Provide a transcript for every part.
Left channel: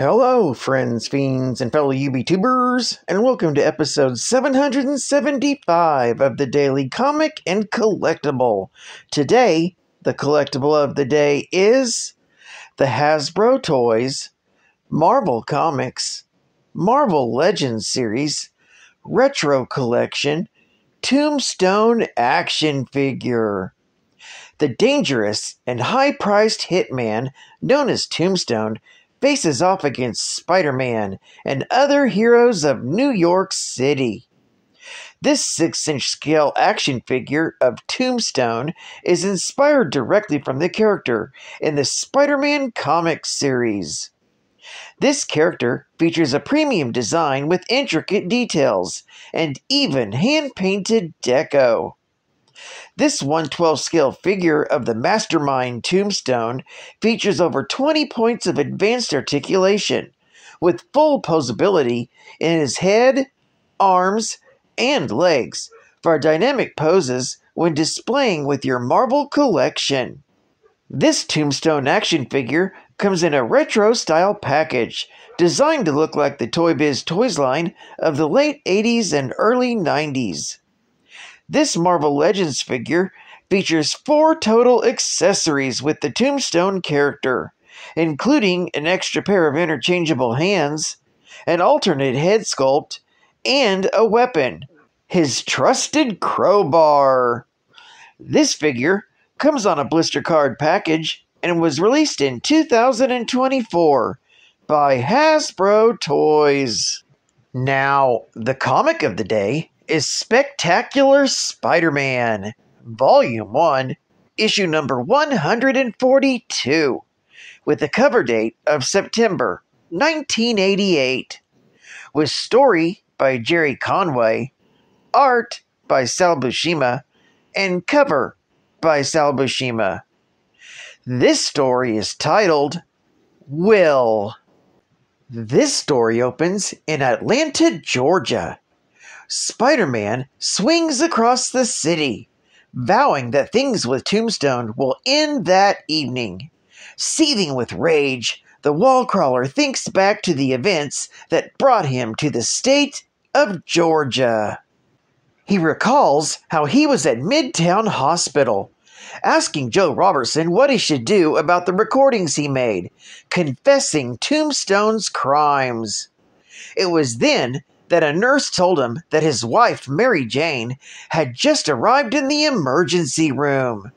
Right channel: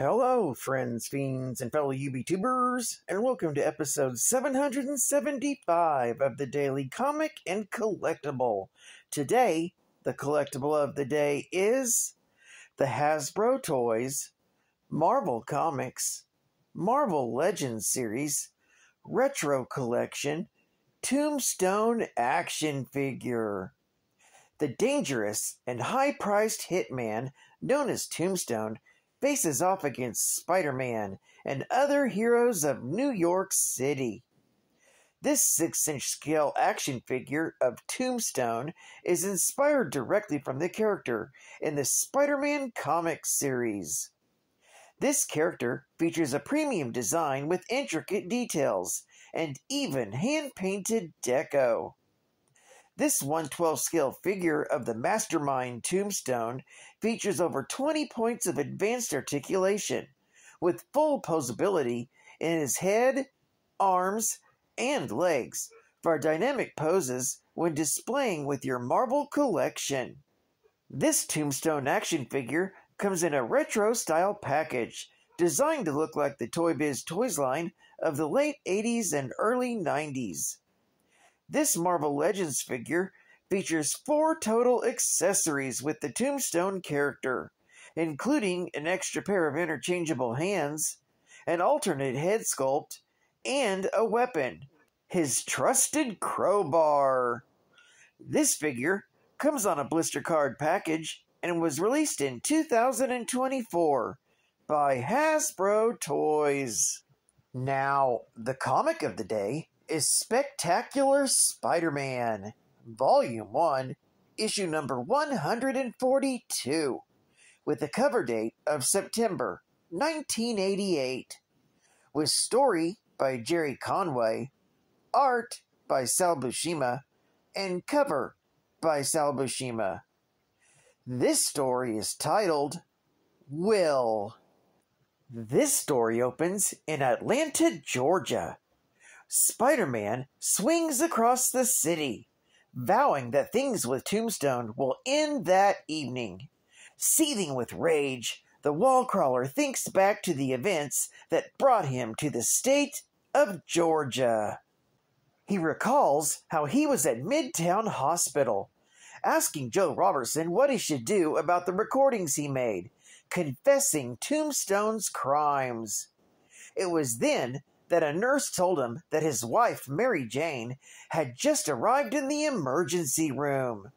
Hello, friends, fiends, and fellow UBTubers, and welcome to episode 775 of the Daily Comic and Collectible. Today, the collectible of the day is the Hasbro Toys, Marvel Comics, Marvel Legends series, Retro Collection, Tombstone action figure. The dangerous and high-priced hitman known as Tombstone faces off against Spider-Man and other heroes of New York City. This 6-inch scale action figure of Tombstone is inspired directly from the character in the Spider-Man comic series. This character features a premium design with intricate details and even hand-painted deco. This 1/12 scale figure of the mastermind Tombstone features over 20 points of advanced articulation, with full posability in his head, arms, and legs for dynamic poses when displaying with your Marvel collection. This Tombstone action figure comes in a retro-style package, designed to look like the Toy Biz Toys line of the late 80s and early 90s. This Marvel Legends figure features 4 total accessories with the Tombstone character, including an extra pair of interchangeable hands, an alternate head sculpt, and a weapon, his trusted crowbar. This figure comes on a blister card package and was released in 2024 by Hasbro Toys. Now, the comic of the day is Spectacular Spider-Man, Volume 1, Issue number 142, with a cover date of September 1988, with story by Jerry Conway, art by Sal Buscema, and cover by Sal Buscema. This story is titled Will. This story opens in Atlanta, Georgia. Spider-Man swings across the city, vowing that things with Tombstone will end that evening. Seething with rage, the wall-crawler thinks back to the events that brought him to the state of Georgia. He recalls how he was at Midtown Hospital, asking Joe Robertson what he should do about the recordings he made, confessing Tombstone's crimes. It was then that a nurse told him that his wife, Mary Jane, had just arrived in the emergency room.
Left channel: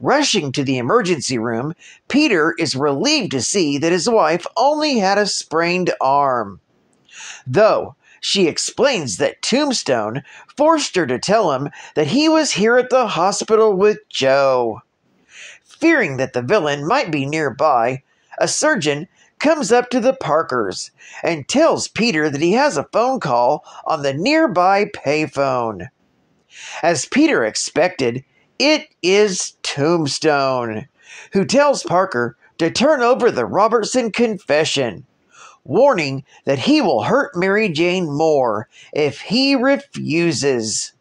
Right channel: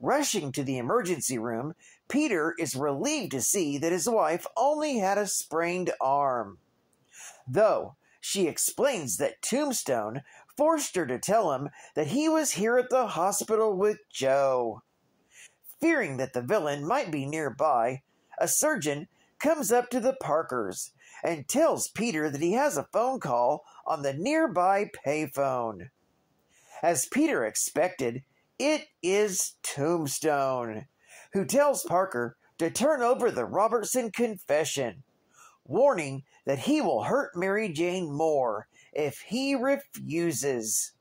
Rushing to the emergency room, Peter is relieved to see that his wife only had a sprained arm. Though she explains that Tombstone forced her to tell him that he was here at the hospital with Joe. Fearing that the villain might be nearby, a surgeon comes up to the Parkers and tells Peter that he has a phone call on the nearby payphone. As Peter expected, it is Tombstone, who tells Parker to turn over the Robertson confession, warning that he will hurt Mary Jane more if he refuses.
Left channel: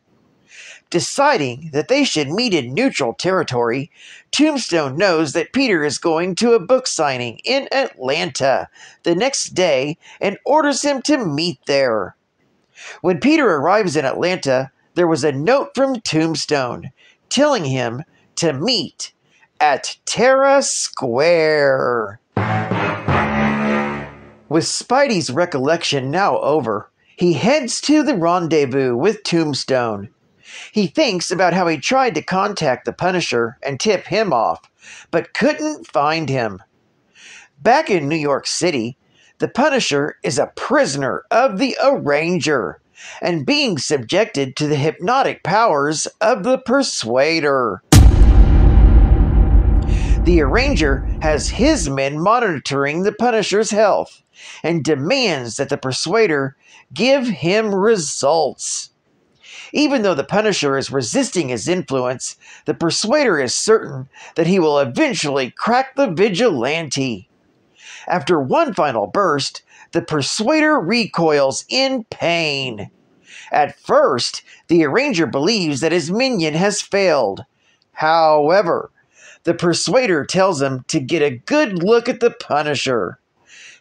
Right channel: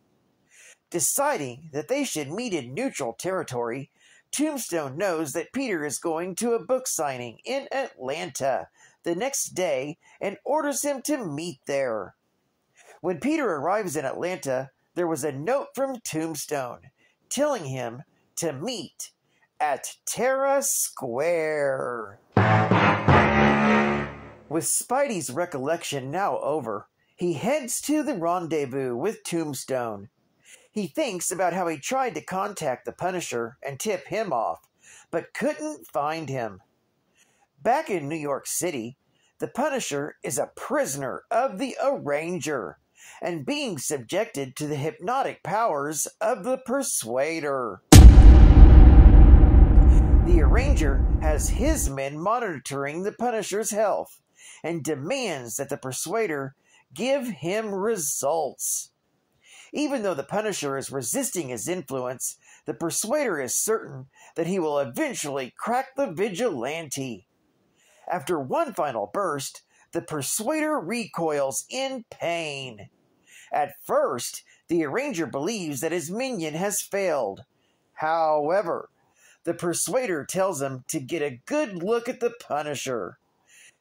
Deciding that they should meet in neutral territory, Tombstone knows that Peter is going to a book signing in Atlanta the next day and orders him to meet there. When Peter arrives in Atlanta, there was a note from Tombstone telling him to meet at Terra Square. With Spidey's recollection now over, he heads to the rendezvous with Tombstone. He thinks about how he tried to contact the Punisher and tip him off, but couldn't find him. Back in New York City, the Punisher is a prisoner of the Arranger and being subjected to the hypnotic powers of the Persuader. The Arranger has his men monitoring the Punisher's health and demands that the Persuader give him results. Even though the Punisher is resisting his influence, the Persuader is certain that he will eventually crack the vigilante. After one final burst, the Persuader recoils in pain. At first, the Arranger believes that his minion has failed. However, the Persuader tells him to get a good look at the Punisher.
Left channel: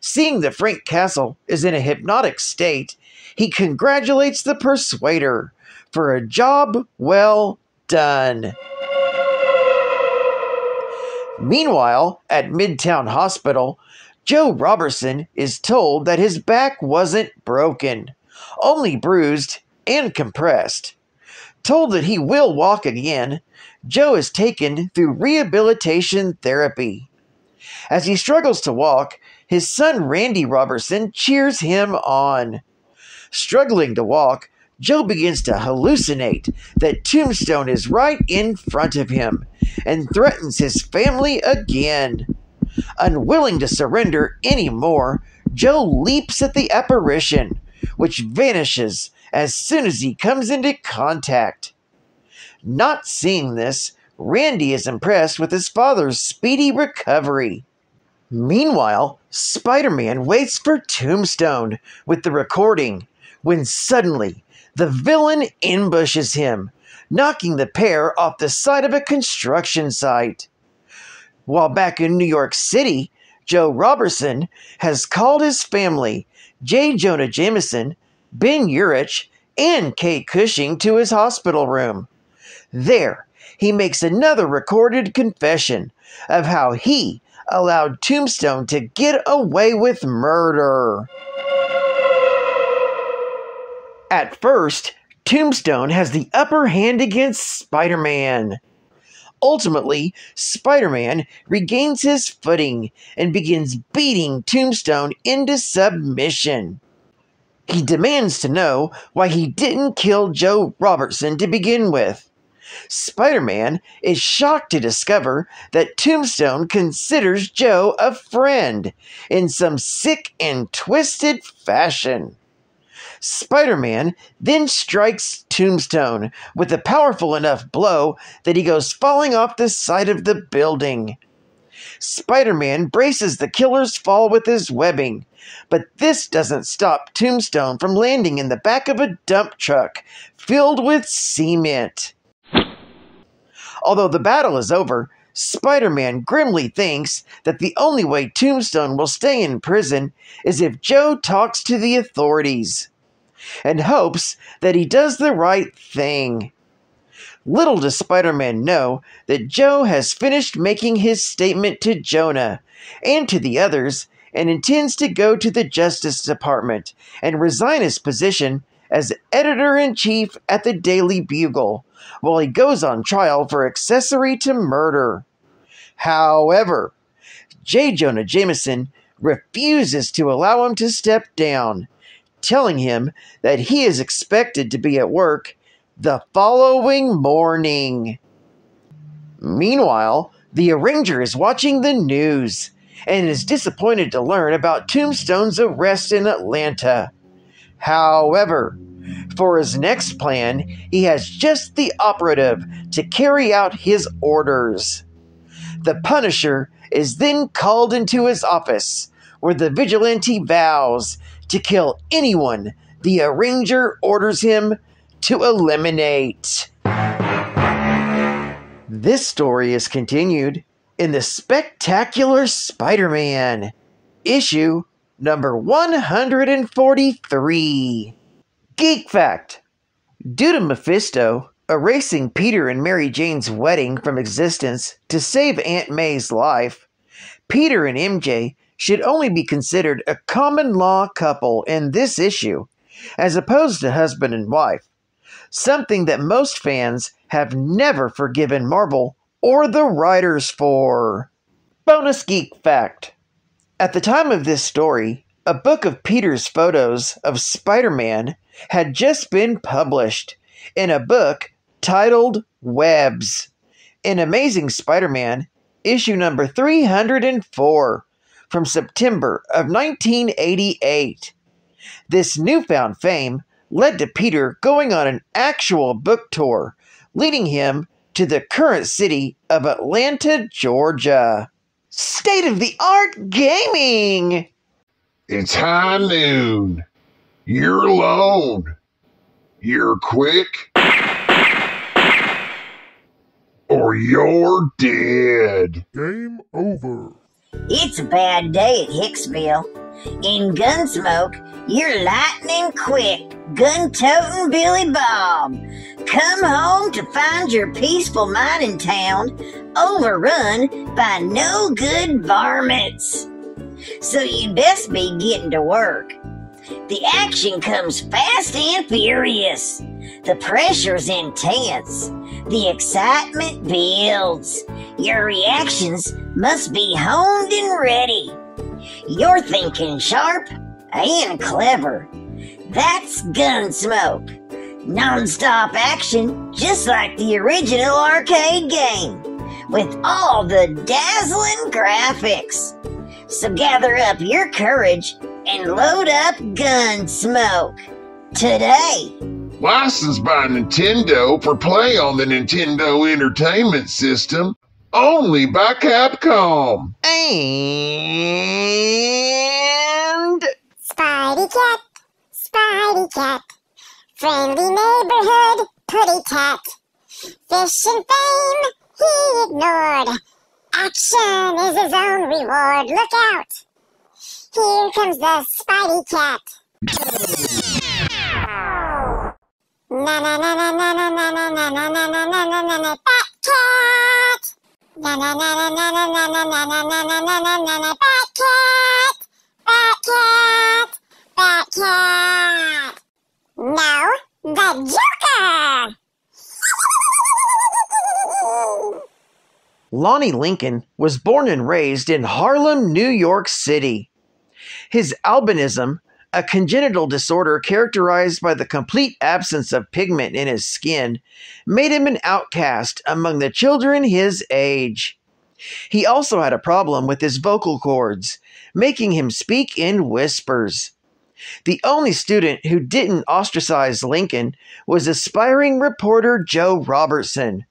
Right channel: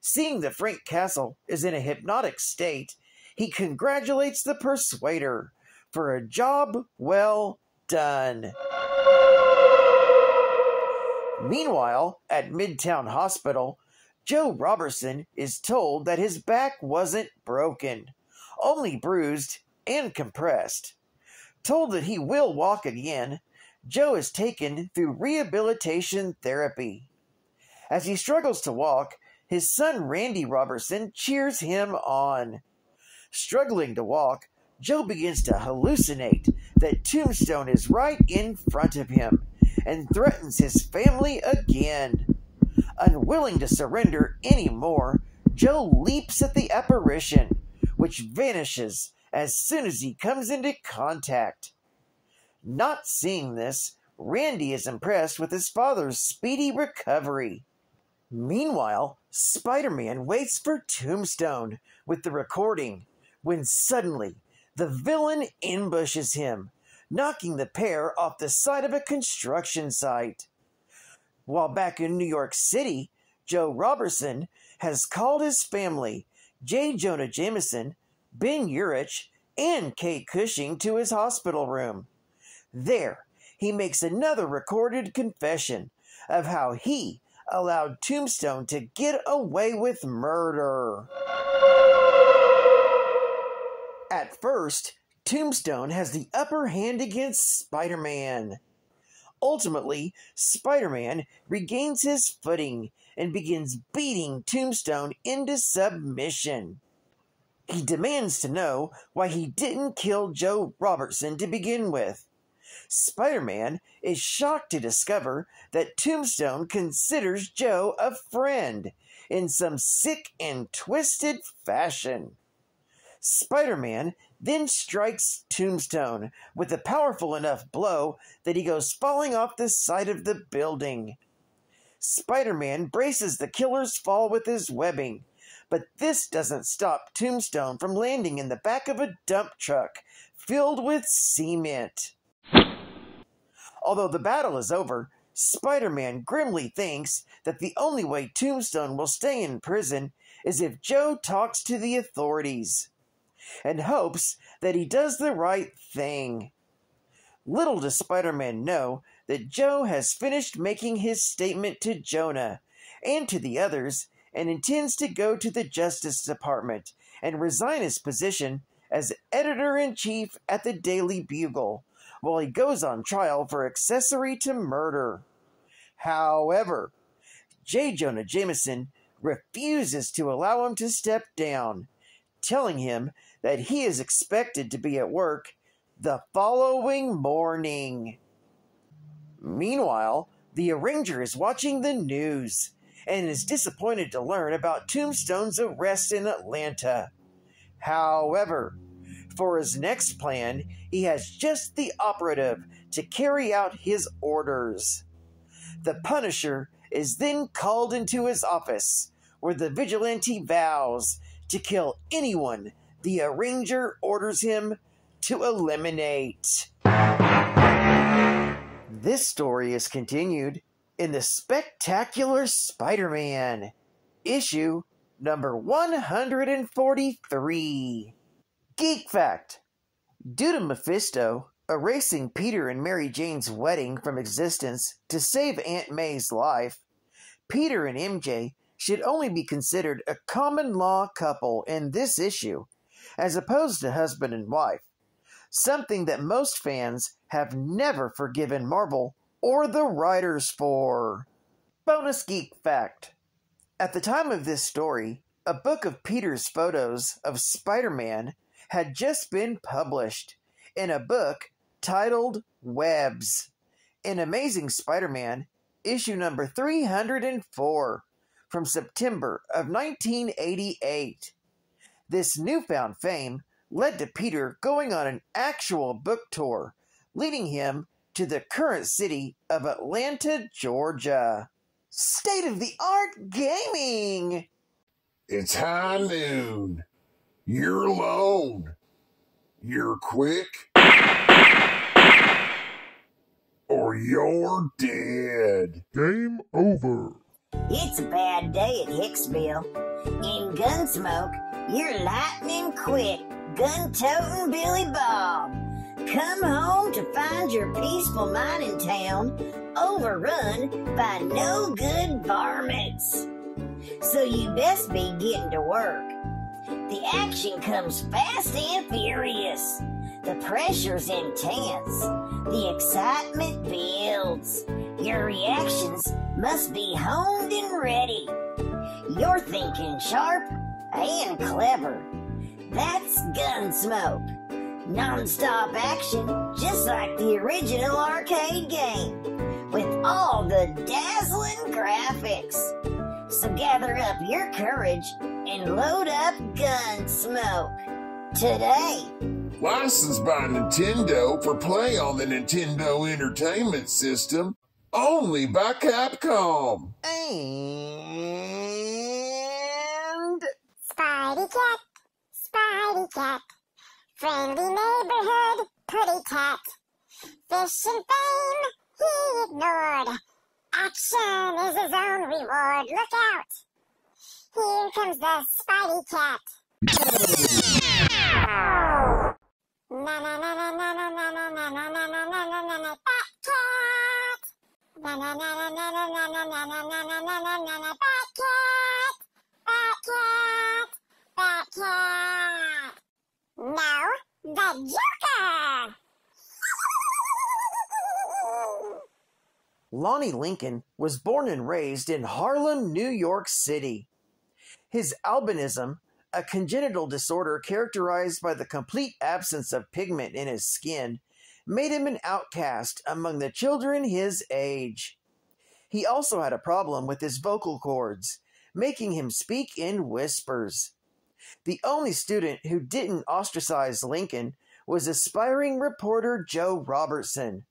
Seeing that Frank Castle is in a hypnotic state, he congratulates the Persuader for a job well done. Meanwhile, at Midtown Hospital, Joe Robertson is told that his back wasn't broken, only bruised and compressed. Told that he will walk again, Joe is taken through rehabilitation therapy. As he struggles to walk, his son Randy Robertson cheers him on. Struggling to walk, Joe begins to hallucinate that Tombstone is right in front of him and threatens his family again. Unwilling to surrender anymore, Joe leaps at the apparition, which vanishes as soon as he comes into contact. Not seeing this, Randy is impressed with his father's speedy recovery. Meanwhile, Spider-Man waits for Tombstone with the recording, when suddenly the villain ambushes him, knocking the pair off the side of a construction site. While back in New York City, Joe Robertson has called his family, J. Jonah Jameson, Ben Urich, and Kate Cushing, to his hospital room. There, he makes another recorded confession of how he allowed Tombstone to get away with murder. At first, Tombstone has the upper hand against Spider-Man. Ultimately, Spider-Man regains his footing and begins beating Tombstone into submission. He demands to know why he didn't kill Joe Robertson to begin with. Spider-Man is shocked to discover that Tombstone considers Joe a friend in some sick and twisted fashion. Spider-Man then strikes Tombstone with a powerful enough blow that he goes falling off the side of the building. Spider-Man braces the killer's fall with his webbing, but this doesn't stop Tombstone from landing in the back of a dump truck filled with cement. Although the battle is over, Spider-Man grimly thinks that the only way Tombstone will stay in prison is if Joe talks to the authorities, and hopes that he does the right thing. Little does Spider-Man know that Joe has finished making his statement to Jonah and to the others and intends to go to the Justice Department and resign his position as editor-in-chief at the Daily Bugle while he goes on trial for accessory to murder. However, J. Jonah Jameson refuses to allow him to step down, telling him that he is expected to be at work the following morning. Meanwhile, the arranger is watching the news and is disappointed to learn about Tombstone's arrest in Atlanta. However, for his next plan, he has just the operative to carry out his orders. The Punisher is then called into his office, where the vigilante vows to kill anyone the arranger orders him to eliminate. This story is continued in the Spectacular Spider-Man, issue number 143. Geek Fact: due to Mephisto erasing Peter and Mary Jane's wedding from existence to save Aunt May's life, Peter and MJ should only be considered a common-law couple in this issue, as opposed to husband and wife, something that most fans have never forgiven Marvel or the writers for. Bonus Geek Fact: at the time of this story, a book of Peter's photos of Spider-Man had just been published in a book titled Webs in Amazing Spider-Man, issue number 304, from September of 1988. This newfound fame led to Peter going on an actual book tour, leading him to the current city of Atlanta, Georgia. State-of-the-art gaming! It's high noon. You're alone. You're quick. Or you're dead. Game over. It's a bad day at Hicksville. In Gunsmoke, you're lightning quick, gun-toting Billy Bob. Come home to find your peaceful mining town overrun by no-good varmints. So you'd best be getting to work. The action comes fast and furious. The pressure's intense. The excitement builds. Your reactions must be honed and ready. You're thinking sharp and clever. That's Gunsmoke. Non-stop action, just like the original arcade game, with all the dazzling graphics. So gather up your courage and load up Gunsmoke today. Licensed by Nintendo for play on the Nintendo Entertainment System, only by Capcom. And Spidey cat, friendly neighborhood putty cat. Fish and fame he ignored. Action is his own reward. Look out! Here comes the Spidey cat. Na na na na na na na na na na na na na na na Bat cat. Na na na na na na na na na na na na na na na Bat cat. Bat cat. Bat cat. Now the Joker. Lonnie Lincoln was born and raised in Harlem, New York City. His albinism, a congenital disorder characterized by the complete absence of pigment in his skin, made him an outcast among the children his age. He also had a problem with his vocal cords, making him speak in whispers. The only student who didn't ostracize Lincoln was aspiring reporter Joe Robertson,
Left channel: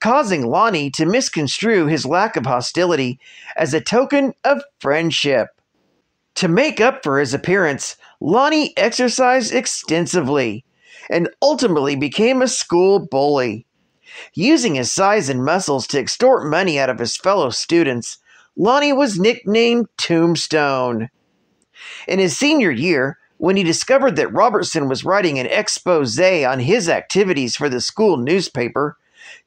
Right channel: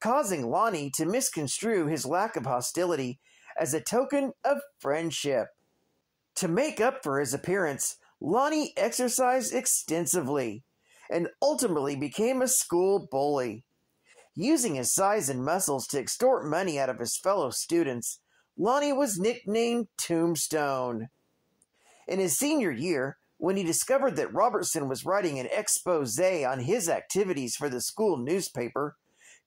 causing Lonnie to misconstrue his lack of hostility as a token of friendship. To make up for his appearance, Lonnie exercised extensively and ultimately became a school bully. Using his size and muscles to extort money out of his fellow students, Lonnie was nicknamed Tombstone. In his senior year, when he discovered that Robertson was writing an expose on his activities for the school newspaper,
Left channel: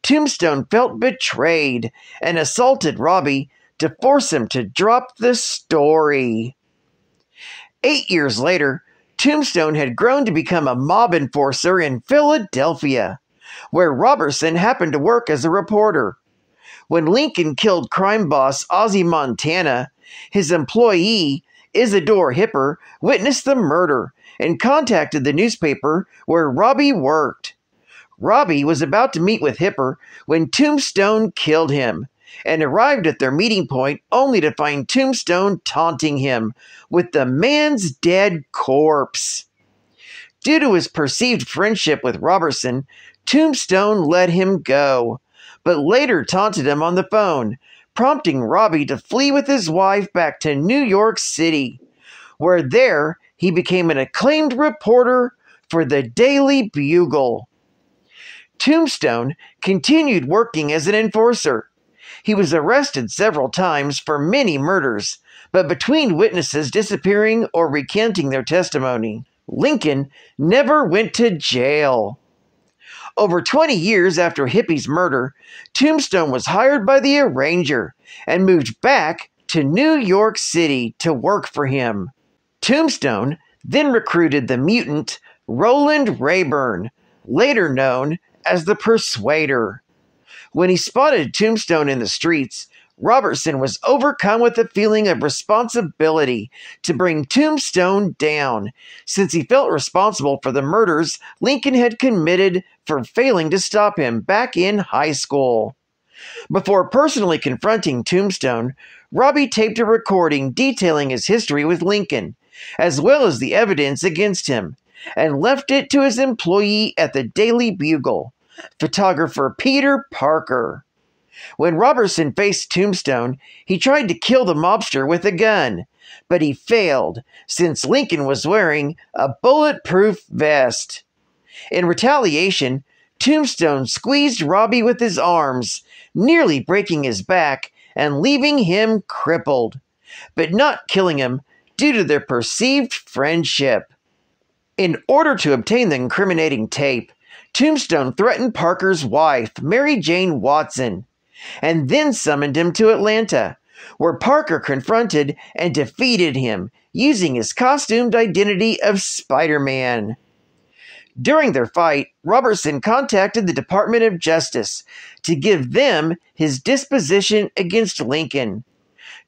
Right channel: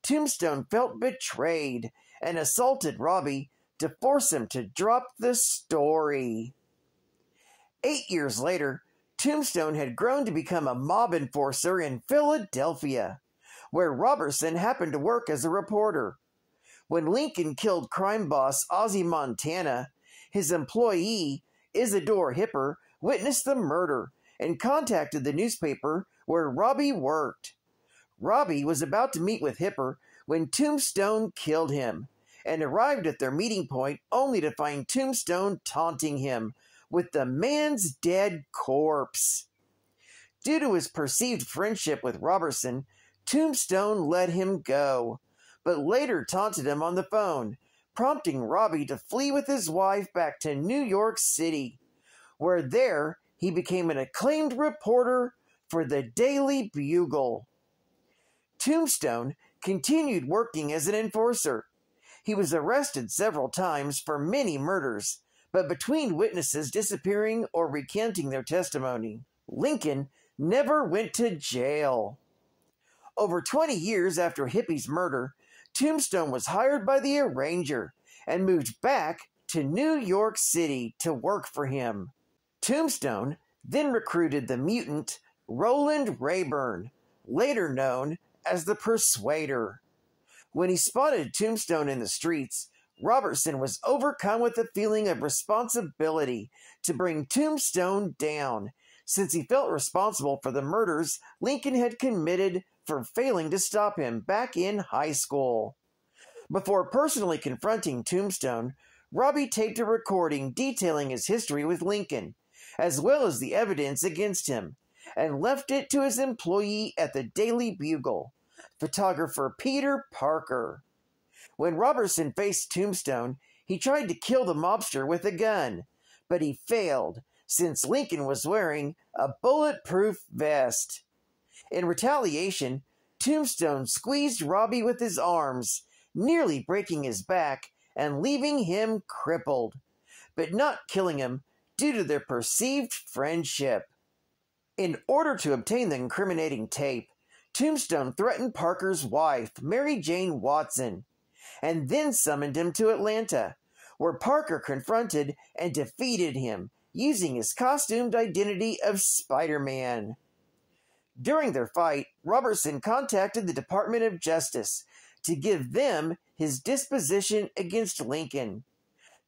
Tombstone felt betrayed and assaulted Robbie to force him to drop the story. 8 years later, Tombstone had grown to become a mob enforcer in Philadelphia, where Robertson happened to work as a reporter. When Lincoln killed crime boss Ozzie Montana, his employee, Isidore Hipper, witnessed the murder and contacted the newspaper where Robbie worked. Robbie was about to meet with Hipper when Tombstone killed him, and arrived at their meeting point only to find Tombstone taunting him with the man's dead corpse. Due to his perceived friendship with Robertson, Tombstone let him go, but later taunted him on the phone, prompting Robbie to flee with his wife back to New York City, where there he became an acclaimed reporter for the Daily Bugle. Tombstone continued working as an enforcer. He was arrested several times for many murders, but between witnesses disappearing or recanting their testimony, Lincoln never went to jail. Over 20 years after Hippie's murder, Tombstone was hired by the arranger and moved back to New York City to work for him. Tombstone then recruited the mutant Roland Rayburn, later known as the Persuader. When he spotted Tombstone in the streets, Robertson was overcome with a feeling of responsibility to bring Tombstone down, since he felt responsible for the murders Lincoln had committed for failing to stop him back in high school. Before personally confronting Tombstone, Robbie taped a recording detailing his history with Lincoln, as well as the evidence against him, and left it to his employee at the Daily Bugle, photographer Peter Parker. When Robertson faced Tombstone, he tried to kill the mobster with a gun, but he failed since Lincoln was wearing a bulletproof vest. In retaliation, Tombstone squeezed Robbie with his arms, nearly breaking his back and leaving him crippled, but not killing him due to their perceived friendship. In order to obtain the incriminating tape, Tombstone threatened Parker's wife, Mary Jane Watson, and then summoned him to Atlanta, where Parker confronted and defeated him using his costumed identity of Spiderman. During their fight, Robertson contacted the Department of Justice to give them his disposition against Lincoln.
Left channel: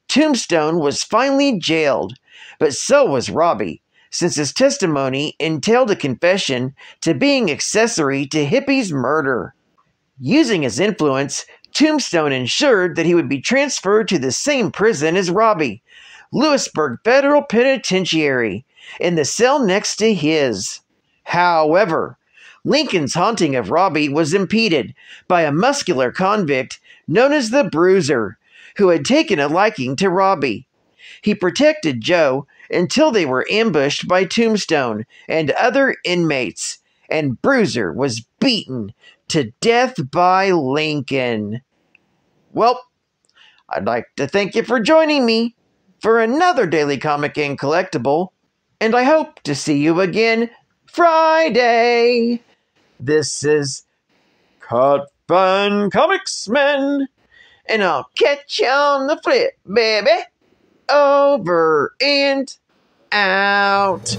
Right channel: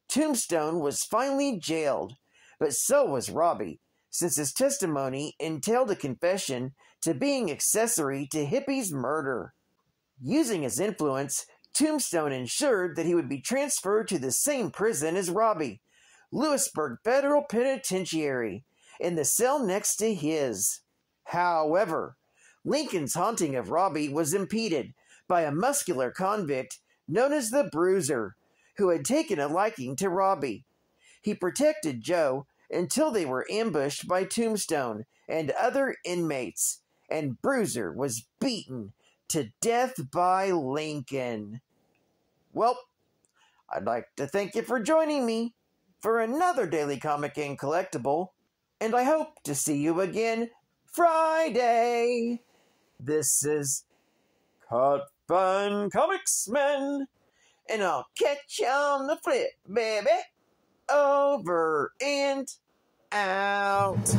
Tombstone was finally jailed, but so was Robbie, since his testimony entailed a confession to being accessory to Hippie's murder. Using his influence, Tombstone ensured that he would be transferred to the same prison as Robbie, Lewisburg Federal Penitentiary, in the cell next to his. However, Lincoln's haunting of Robbie was impeded by a muscular convict known as the Bruiser, who had taken a liking to Robbie. He protected Joe until they were ambushed by Tombstone and other inmates, and Bruiser was beaten to death by Lincoln. Well, I'd like to thank you for joining me for another Daily Comic and Collectible, and I hope to see you again Friday. This is Cut Fun Comics Men, and I'll catch you on the flip, baby. Over and out.